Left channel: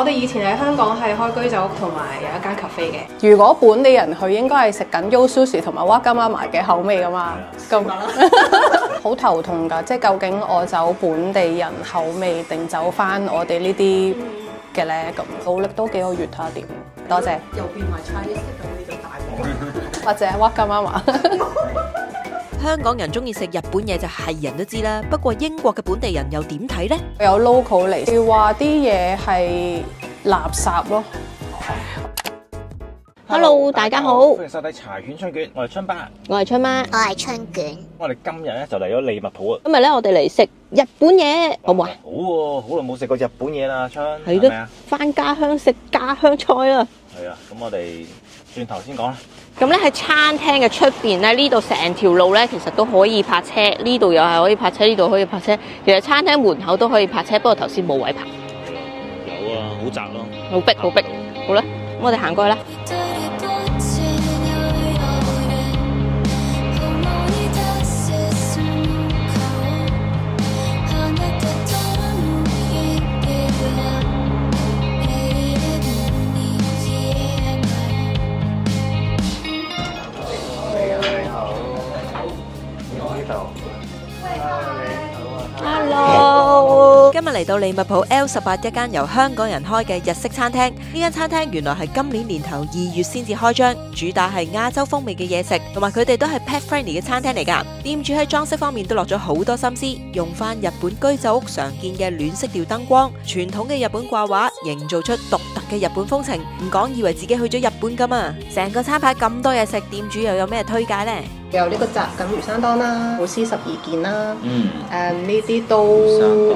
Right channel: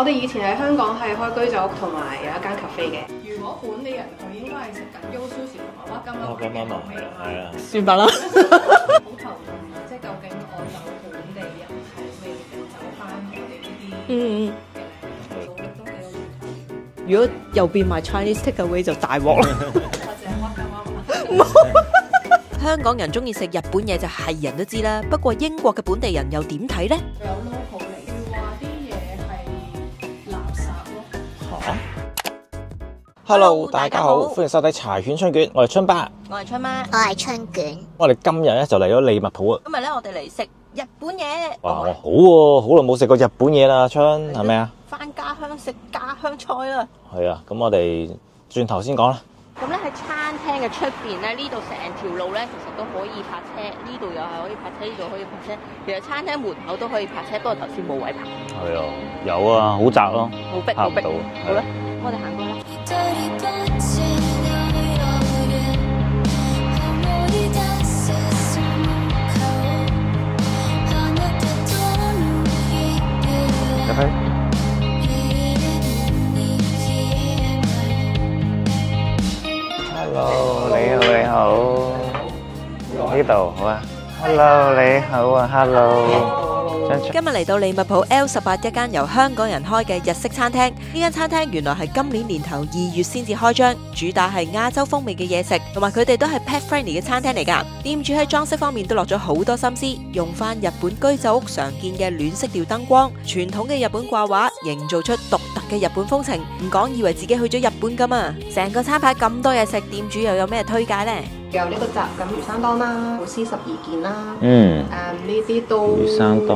我哋以前喺香港係開居酒屋同埋有一間 cafe 嘅。如果本地人去，應該係食緊 Yo Sushi 同埋 Wagamama 嘅口味噶嘛，夠唔夠啦？好頭痛㗎，即係究竟我走本地人口味定走翻我哋呢啲嘅咧？咁努力多幾個月睇下點。多謝。又變埋 Chinese takeaway 就大鑊啦。或者 Wagamama。香港人中意食日本嘢就係人都知啦，不過英國嘅本地人又點睇呢？有 local 嚟，佢話啲嘢係垃圾咯。Hello，大家好，歡迎收睇柴犬春卷，我係春爸，我係春媽，我係春卷。我哋今日咧就嚟咗利物浦啊！今日咧我哋嚟食日本嘢，好唔好啊？好喎，好耐冇食過日本嘢啦，春係咪啊？返家鄉食家鄉菜啦！係啊，咁我哋轉頭先講啦。咁咧喺餐廳嘅出邊咧，呢度成條路咧其實都可以泊車，呢度又係可以泊車，呢度可以泊車。其實餐廳門口都可以泊車，不過頭先冇位泊。係啊，有啊，好窄咯，好逼，好逼。好啦，咁我哋行過去啦。呢度好啊 ，Hello 你好啊 ，Hello。今日嚟到利物浦 L18一間由香港人開嘅日式餐廳，呢間餐廳原來係今年年頭2月先至開張，主打係亞洲風味嘅嘢食，同埋佢哋都係 pet friendly 嘅餐廳嚟㗎。店主喺裝飾方面都落咗好多心思，用翻日本居酒屋常見嘅暖色調燈光、傳統嘅日本掛畫，營造出獨特嘅日本風情。唔講以為自己去咗日本㗎嘛！成個餐牌咁多嘢食，店主又有咩推介呢？有呢個雜錦魚生當啦，好絲12件啦，呢啲都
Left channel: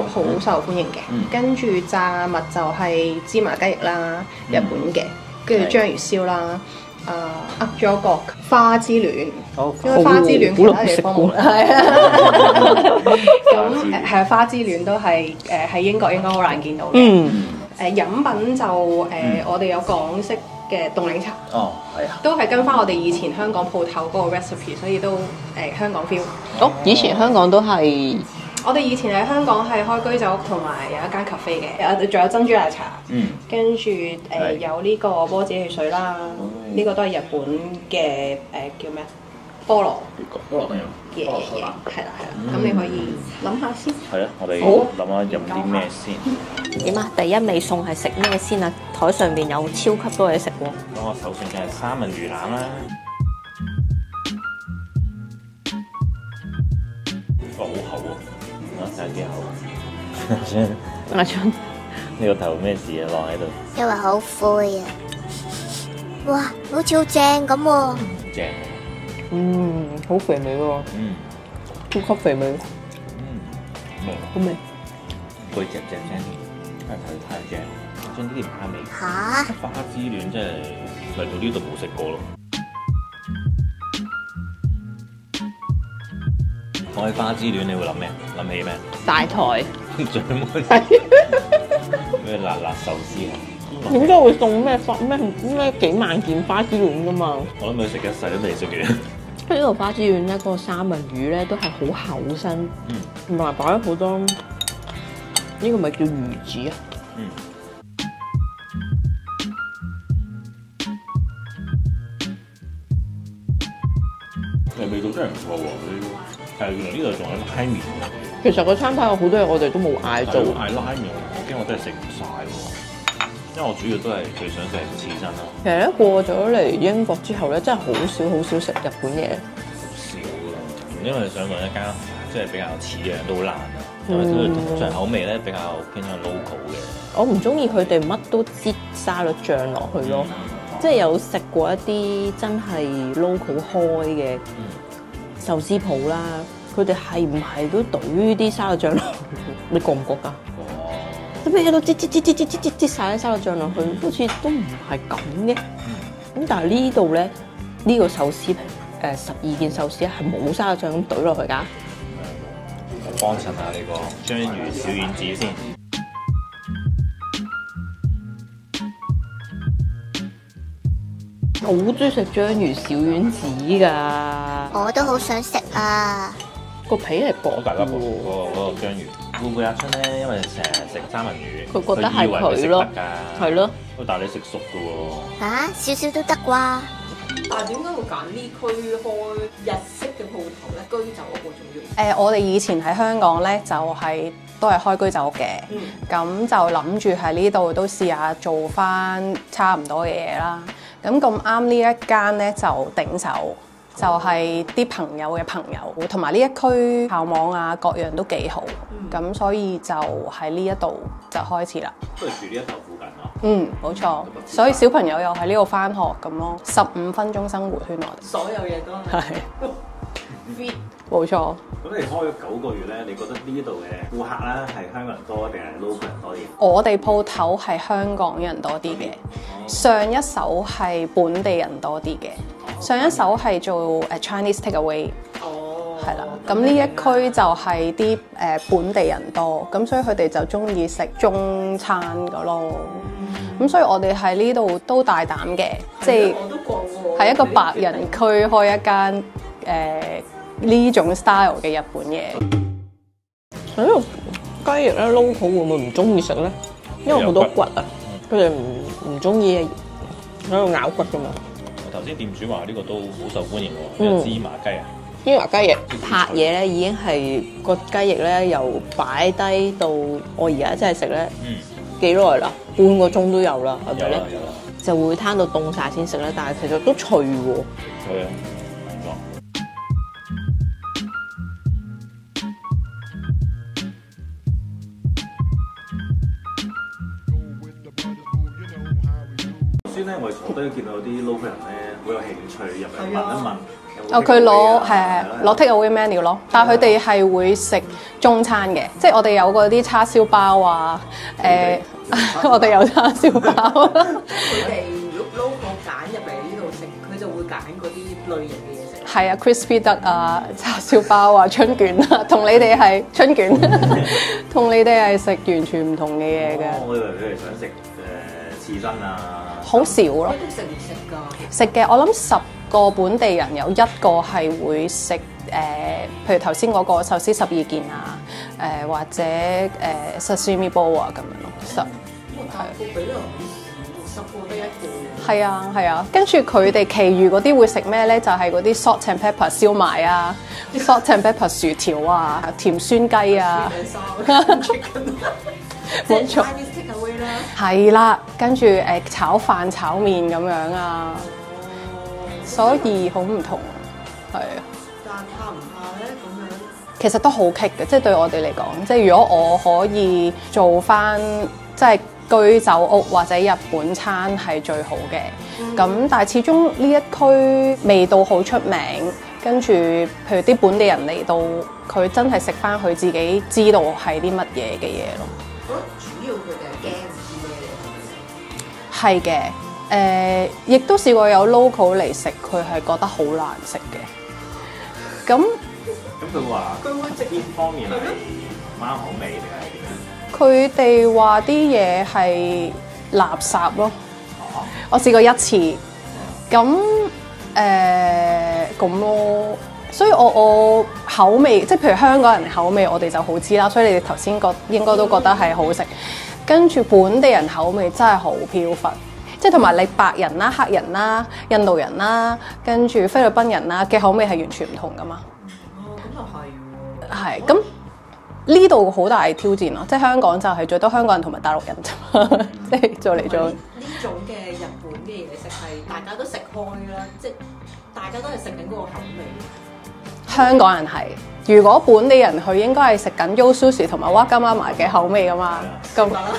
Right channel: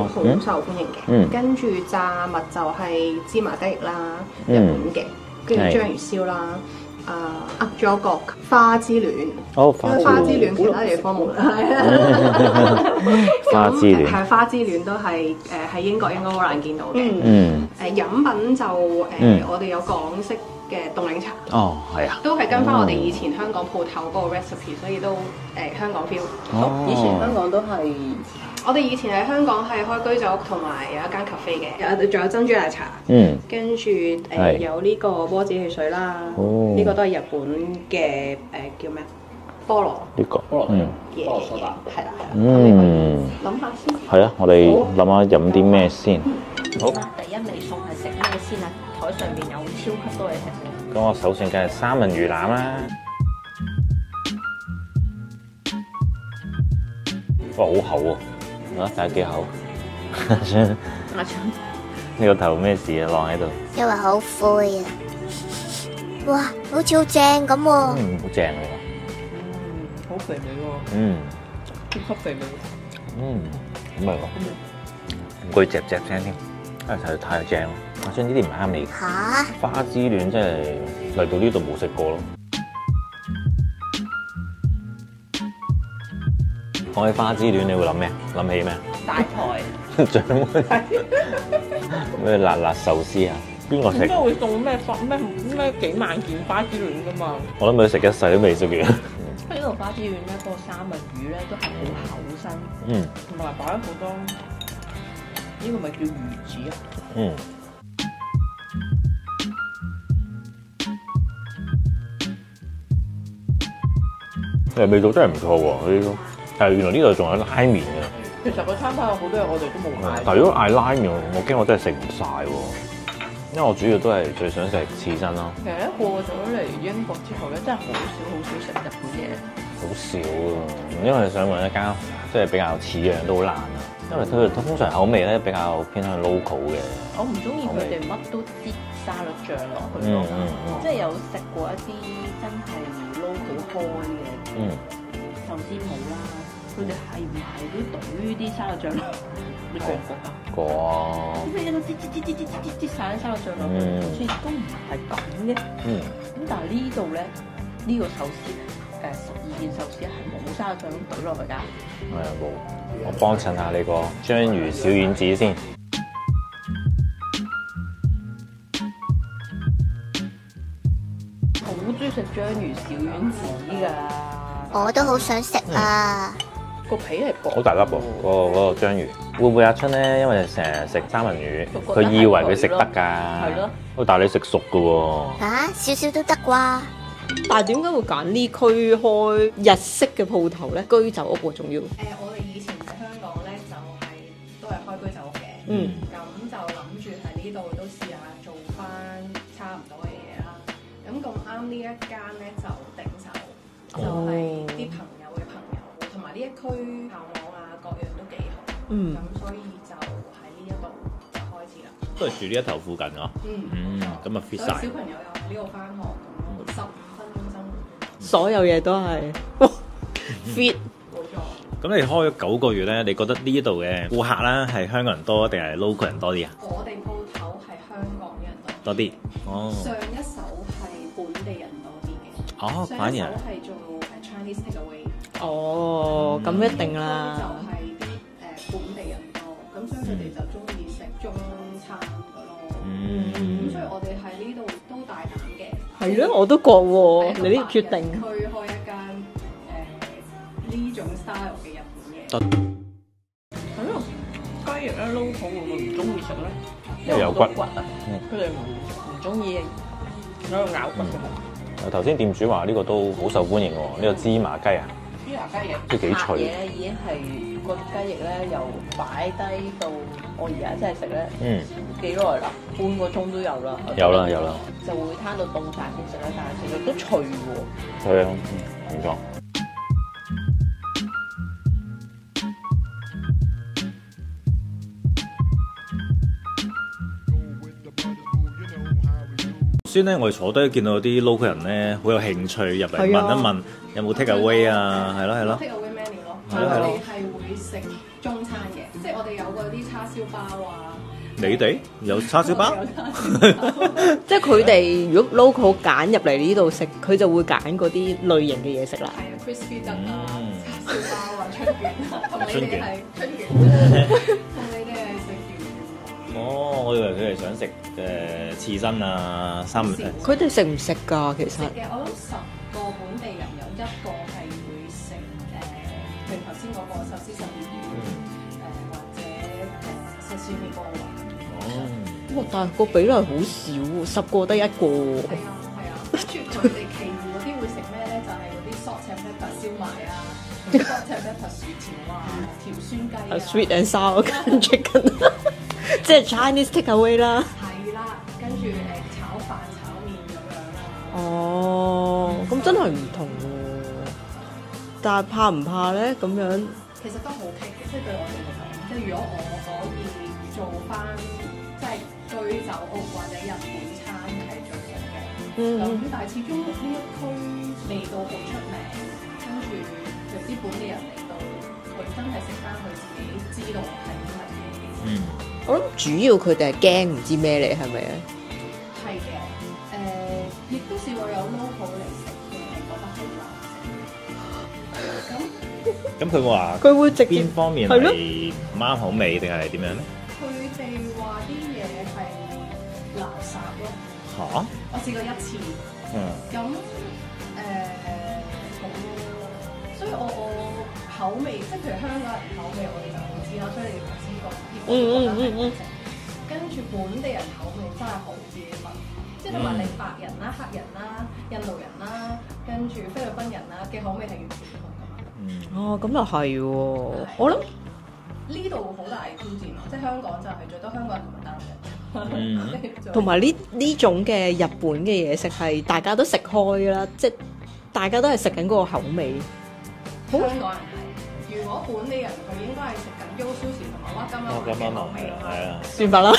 好受歡迎嘅。跟住炸物就係芝麻雞翼啦，日本嘅，跟住章魚燒啦，噏咗個花之戀，因為花之戀其他地方冇，係啊，咁係花之戀都係喺英國應該好難見到嘅。飲品就我哋有港式嘅凍檸茶，哦，係啊，都係跟翻我哋以前香港鋪頭嗰個 recipe，所以都香港 feel。以前香港都係，我哋以前喺香港係開居酒屋同埋有一間 cafe 嘅，仲有珍珠奶茶，跟住有呢個波子汽水啦，呢個都係日本嘅叫咩？菠蘿呢個嘢，係啦，咁你可以諗下先。係啊，我哋諗下飲啲咩先。點啊？第一味餸係食咩先啊？台上面有超級多嘢食喎。咁我首選梗係三文魚腩啦。哇，好厚喎！睇下幾厚。阿春，呢個頭咩事啊？晾喺度。因為好灰啊！哇，好似好正咁喎。好正。好肥美喎。超級肥美。咁咪好味。攰隻隻聲添，真係太正喎！我想呢啲唔啱你。嚇！花之戀真係嚟到呢度冇食過咯。講起花之戀，你會諗咩？諗起咩？大台。最咩辣辣壽司啊？邊個食？點解會送咩幾萬件花之戀噶嘛？我諗佢食一世都未食完。呢個花之戀咧，嗰個三文魚咧都係好厚身，同埋擺咗好多。呢個咪叫魚子啊？味道真係唔錯喎，呢個。但係原來呢度仲有拉麵啊！其實個餐牌有好多嘢我哋都冇嗌。係咯，嗌拉麵，我驚我真係食唔晒喎。因為我主要都係最想食刺身咯。其實咧過咗嚟英國之後咧，真係好少食日本嘢。好少啊！因為想揾一間即係比較似嘅都好難。因為通常口味咧比較偏向 local 嘅。我唔中意佢哋乜都擠沙律醬落去咯，即係有食過一啲真係 local 開嘅壽司鋪啦，佢哋係唔係都倒啲沙律醬落？你覺唔覺啊？覺。咁你喺度擠晒啲沙律醬落去，好似都唔係咁嘅。咁但係呢度咧，呢個壽司12件壽司係冇沙律醬咁倒落去㗎。我幫襯下你個章魚小丸子先。好中意食章魚小丸子㗎。我都好想食啊！個皮係薄，好大粒喎，嗰個章魚。會唔會阿春咧？因為成日食三文魚，佢覺得係佢以為你食得㗎。係咯。但係你食熟㗎喎。嚇，少少都得啩？但係點解會揀呢區開日式嘅鋪頭咧？居酒屋仲要。我哋以前喺香港咧就係、都係開居酒屋嘅，咁就諗住喺呢度都試下做翻差唔多嘅嘢啦。咁咁啱呢一間咧就頂手。就係啲朋友嘅朋友，同埋呢一區校網啊，各樣都幾好，咁所以就喺呢一度就開始啦。都係住呢一頭附近啊。冇錯。所以小朋友又喺呢度翻學咁咯，15分鐘生活圈內，所有嘢都係 fit。冇錯。咁你開咗9個月咧，你覺得呢度嘅顧客啦係香港人多定係 local 人多啲啊？我哋鋪頭係香港人多啲嘅，上一手係本地人多啲嘅，上一手係做Chinese takeaway。係啦，咁呢一區就係啲本地人多，咁所以佢哋就中意食中餐噶咯。咁所以我哋喺呢度都大膽嘅，即係我都覺喎，係一個白人區開一間呢種 style 嘅日本嘢。喺度雞翼咧 local 會唔會唔中意食咧？因為好多骨啊，佢哋唔中意喺度咬骨㗎嘛。頭先店主話呢個都好受歡迎喎，呢個芝麻雞啊。芝麻雞翼拍嘢咧，已經係個雞翼咧由擺低到我而家真係食咧，幾耐啦？半個鐘都有啦。有啦。就會攤到凍晒先食啦，但係其實都脆喎。係啊，冇錯。先咧，我哋坐低見到啲 local 人咧，好有興趣入嚟問一問有冇 take away 啊？攞 take away menu 咯，但係佢哋係會食中餐嘅，即係我哋有嗰啲叉燒包啊，我哋有叉燒包，即係佢哋如果 local 揀入嚟呢度食，佢就會揀嗰啲類型嘅嘢食啦。係啊 ，crispy duck 啊，叉燒包啊，春卷啊，同你哋係春卷，同你哋係食完全唔同嘅嘢嘅。我以為佢哋想食刺身啊，好少咯。佢哋食唔食㗎？其實食嘅，我諗10個本地人有1個係會食譬如頭先嗰個壽司12件啊，或者sashimi bowl 啊咁樣咯。但係個比例好少，10個得1個喎。係啊，跟住佢哋其餘嗰啲會食咩咧？就係嗰啲 salt and pepper 燒賣啊，salt and pepper 薯條啊，甜酸雞啊 ，sweet and sour chicken。即係 Chinese takeaway 啦，係啦，跟住炒飯、炒麵咁樣啊，所以好唔同，係啊。但係怕唔怕咧？咁樣其實都好棘嘅，即係對我哋嚟講，即係如果我可以做翻即係居酒屋或者日本餐係最好嘅。咁但係始終呢一區味道好出名，跟住譬如啲本地人嚟到，佢真係食翻佢自己知道係啲乜嘢嘅嘢咯。我諗主要佢哋係驚唔知咩嚟，係咪啊？係嘅，亦都試過有 local 嚟食，佢係覺得好難食嘅。咁佢話佢會直邊方面係唔啱口味定係點樣？佢哋話啲嘢係垃圾咯。我試過1次，咁咁咯。所以我口味，即係譬如香港人口味，我哋就好知啦。所以你哋頭先應該都覺得係好食。跟住本地人口味真係好飄忽，即係同埋你白人啦、黑人啦、印度人啦，跟住菲律賓人啦嘅口味係完全唔同噶嘛。哦，咁又係喎。係咁呢度好大挑戰咯，即係香港就係最多香港人同埋大陸人啫嘛。同埋呢種嘅日本嘅嘢食係大家都食開啦，即係大家都係食緊嗰個口味。香港人係，如果本地人去應該係食緊 Yo Sushi 同埋 Wagamama 嘅口味噶嘛，咁得啦，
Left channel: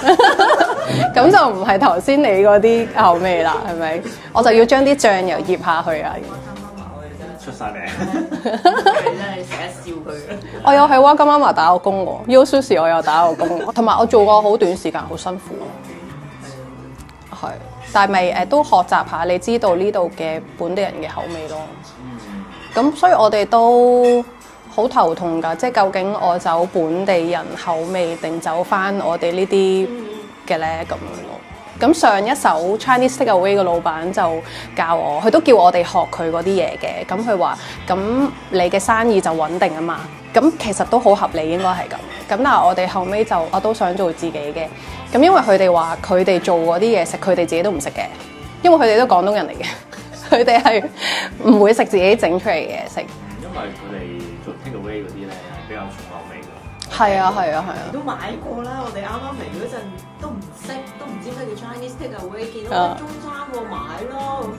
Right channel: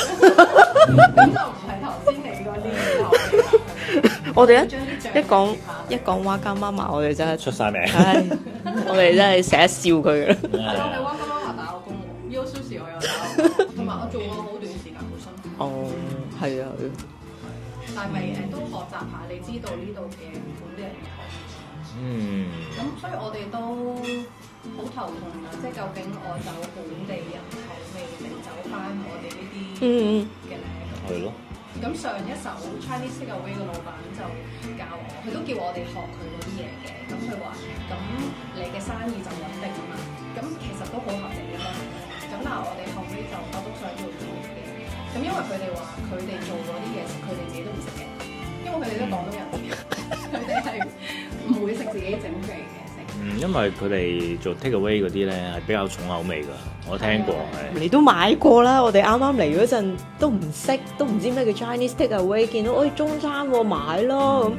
咁就唔係頭先你嗰啲口味啦，係咪？我就要將啲醬油醃下去啊！講 Wagamama 我哋真係出晒名，我哋真係成日笑佢嘅。我有喺 Wagamama 打過工喎，Yo Sushi 我有打過工，同埋我做過好短時間，好辛苦。係啊，係，但係咪都學習下，你知道呢度嘅本地人嘅口味咯。咁所以我哋都好頭痛㗎，即係究竟我走本地人口味定走翻我哋呢啲嘅咧咁樣咯。咁上一手 Chinese Takeaway 嘅老闆就教我，佢都叫我哋學佢嗰啲嘢嘅。咁佢話：咁你嘅生意就穩定啊嘛。咁其實都好合理，應該係咁。咁但係我哋後尾就我都想做自己嘅。咁因為佢哋話佢哋做嗰啲嘢食，佢哋自己都唔食嘅，因為佢哋都廣東人嚟嘅。佢哋係唔會食自己整出嚟嘅嘢食。因為佢哋做 take away 嗰啲咧係比較重口味㗎。係啊係啊係。你都買過啦，我哋啱啱嚟嗰陣都唔識，都唔知咩叫 Chinese takeaway， 見到中餐喎買啦咁。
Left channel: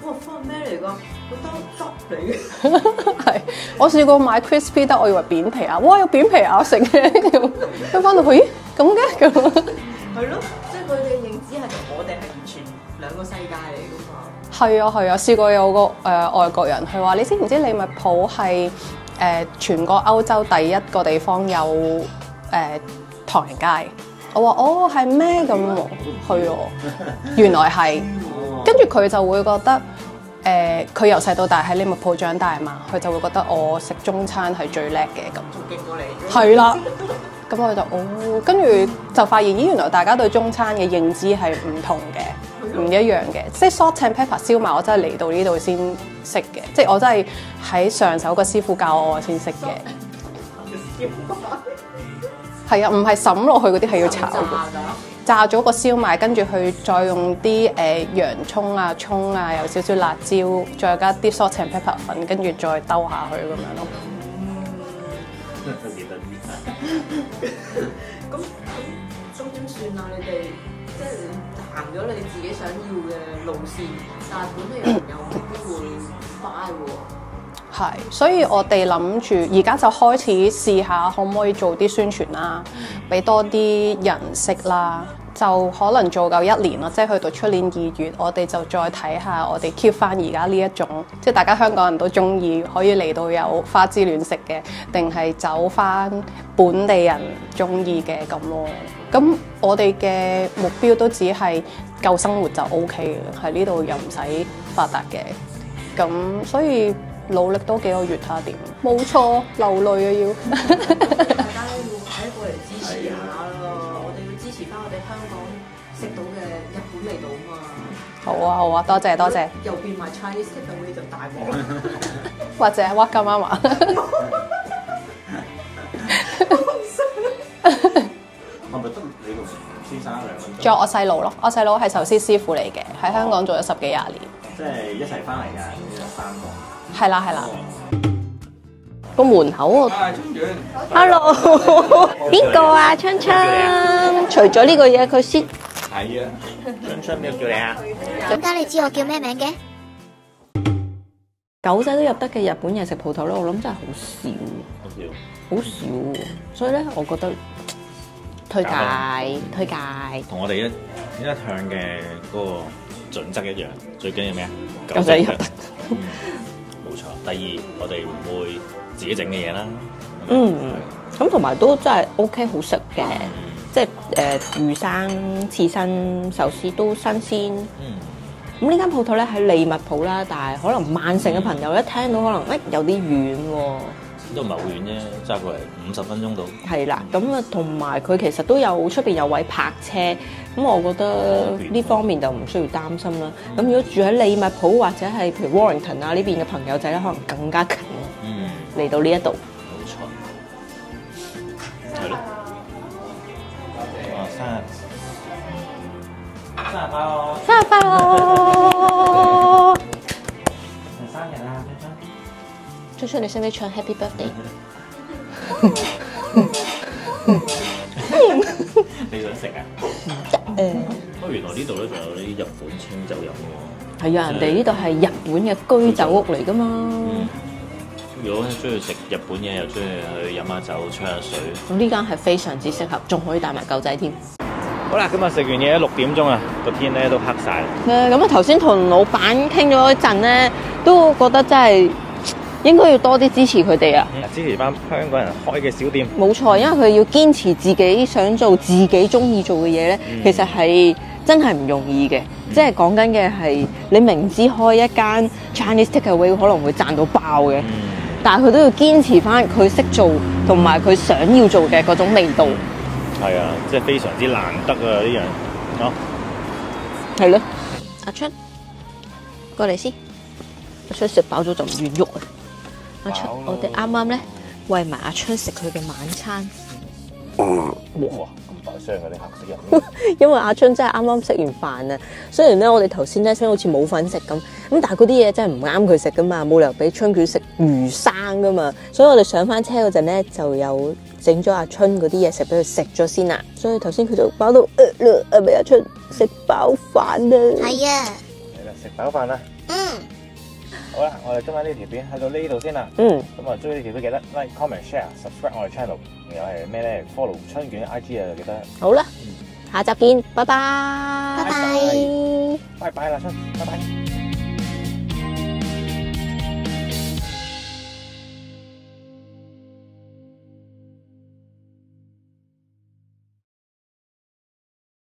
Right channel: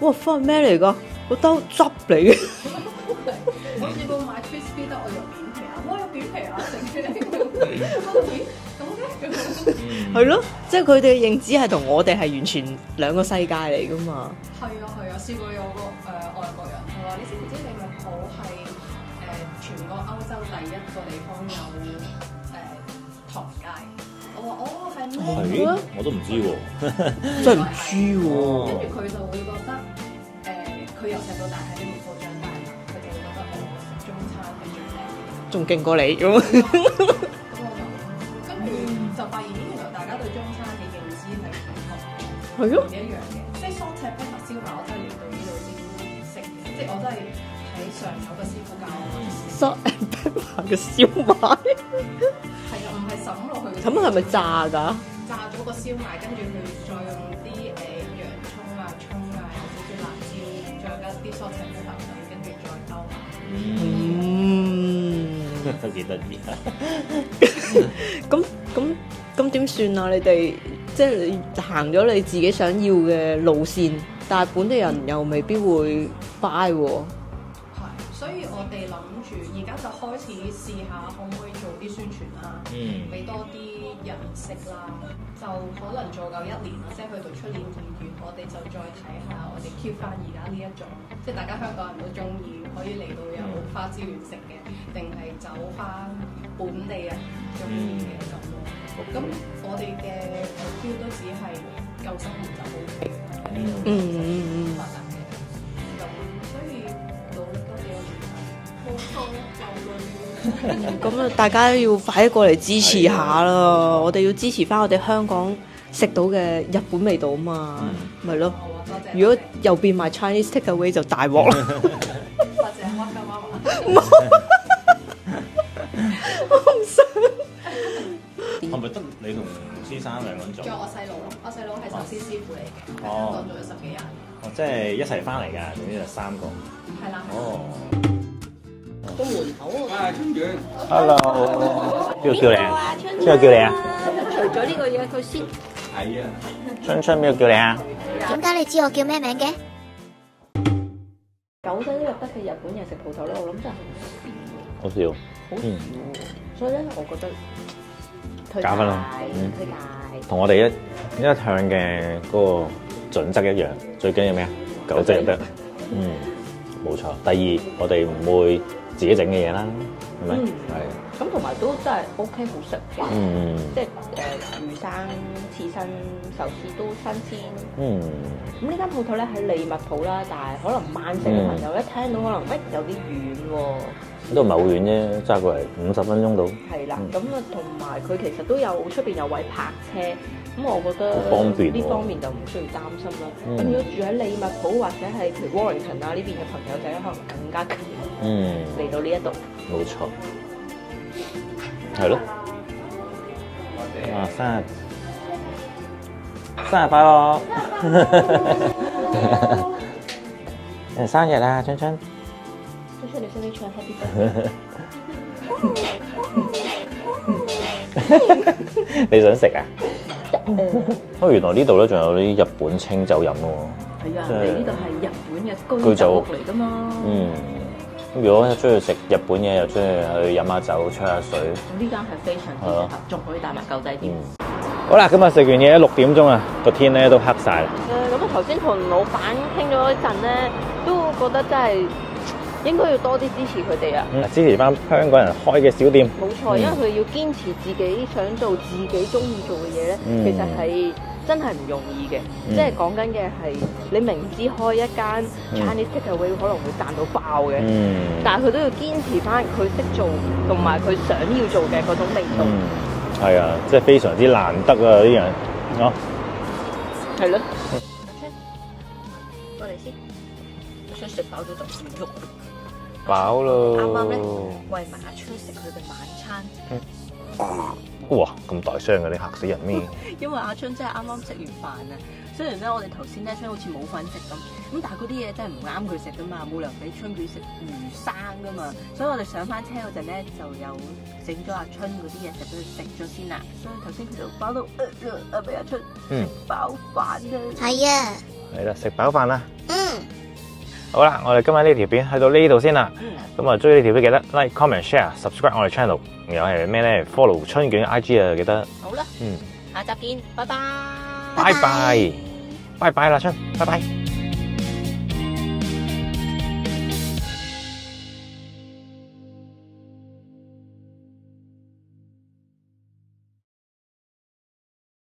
哇！翻咩嚟㗎？個兜汁嚟嘅。係，我試過買 crispy 得，我以為扁皮啊！哇，有扁皮咬食嘅，咁翻到去咦咁嘅咁。係咯，即係佢哋嘅認知係同我哋係完全兩個世界嚟㗎嘛。係啊係啊，試過有個外國人，佢話：你知唔知利物浦係全個歐洲第一個地方有唐人街？我話哦係咩咁啊？係咯，原來係。跟住佢就會覺得佢由細到大喺利物浦長大嘛，佢就會覺得我食中餐係最叻嘅咁。仲勁過你咁。係啦，咁我就哦，跟住就發現咦原來大家對中餐嘅認知係唔同嘅，唔一樣嘅。即係 salt and pepper 燒賣，我真係嚟到呢度先識嘅，即係我真係喺上手個師傅教我先識嘅。嘅燒賣。係啊，唔係滲落去嗰啲係要炸㗎。炸咗個燒賣，跟住佢再用啲洋葱啊、葱啊，有少少辣椒，再加啲 salt and pepper 粉，跟住再兜下去咁樣。都幾得意。咁點算啊？你哋即係你行咗你自己想要嘅路線，但係本地人又未必會 buy 喎。係，所以我哋諗住而家就開始試下可唔可以做啲宣傳啦，俾多啲人識啦。就可能做夠1年啦，即係去到出年2月，我哋就再睇下我哋 keep 翻而家呢一種，即係大家香港人都中意可以嚟到有花枝亂食嘅，定係走翻本地人中意嘅咁咯。咁我哋嘅目標都只係夠生活就 OK 嘅，喺呢度又唔使發達嘅。咁所以努力多幾個月睇下點。冇錯，流淚啊要。咁大家要快啲過嚟支持下啦！我哋要支持翻我哋香港食到嘅日本味道啊嘛。係咯，好啊，多謝多謝。又變埋 Chinese takeaway 就大鑊啦。或者哇金媽媽。係咪得你同先生兩個人？仲有我細佬咯，我細佬係壽司師傅嚟嘅，喺香港做咗10幾20年。即係一齊翻嚟㗎，總之就3個。係啦係啦。個門口我 Hello， 邊個啊？春春。咩叫你啊？除咗呢個嘢，佢先。係啊。春春邊個叫你啊？點解你知我叫咩名嘅？狗仔都入得嘅日本嘢食鋪頭咧，我諗真係好少，好少，所以咧，我覺得推介。同我哋一向嘅嗰個準則一樣，最緊要咩啊？狗仔入得。冇錯。第二，我哋唔會自己整嘅嘢啦。係。咁同埋都真係 OK 好食嘅，即係魚生、刺身、壽司都新鮮。咁呢間鋪頭咧喺利物浦啦，但係可能曼城嘅朋友一聽到可能有啲遠喎，都唔係好遠啫，揸過嚟50分鐘到。係啦，咁啊同埋佢其實都有出邊有位泊車，咁我覺得呢方面就唔需要擔心啦。咁如果住喺利物浦或者係譬如 Warrington 啊呢邊嘅朋友仔咧，可能更加近嚟到呢一度。冇錯，係咯。生日快樂！生日快樂！人生日啊，春春！春春，你識唔識唱 Happy Birthday？你想食啊？原來呢度咧仲有啲日本清酒飲喎。係啊，人哋呢度係日本嘅居酒屋嚟㗎嘛。如果中意食日本嘢，又中意去飲下酒、吹下水，呢間係非常之適合，仲可以帶埋狗仔添。好啦，今日食完嘢6點鐘啊，個天咧都黑晒。咁啊頭先同老闆傾咗一陣咧，都覺得真係應該要多啲支持佢哋啊！支持翻香港人開嘅小店。冇錯，因為佢要堅持自己想做、自己中意做嘅嘢咧，其實係真係唔容易嘅。即係講緊嘅係你明知開一間 Chinese takeaway 可能會賺到爆嘅，但係佢都要堅持翻佢識做同埋佢想要做嘅嗰種味道。係啊，即係非常之難得啊！啲人，係咯，阿春，過嚟先。阿春食飽咗就唔願喐啊！飽咯。我哋啱啱咧餵埋阿春食佢嘅晚餐。哇！咁大聲嘅，你嚇死人咩？因為阿春真係啱啱食完飯啊，雖然咧我哋頭先咧想好似冇份食咁，但係嗰啲嘢真係唔啱佢食噶嘛，冇理由俾春卷食魚生噶嘛，所以我哋上翻車嗰陣咧就有整咗阿春嗰啲嘢食俾佢食咗先啦，所以頭先佢就飽到俾阿春食飽飯啦。係啊，係啦，食飽飯啦。好啦，我哋今日呢條片去到呢度先啦。咁啊，中意呢條片記得 like、comment、share、subscribe 我哋 channel。仲有係咩咧 ？follow 春卷 IG 啊，記得。好啦，下集見，拜拜。拜拜，拜拜啦，春，拜拜。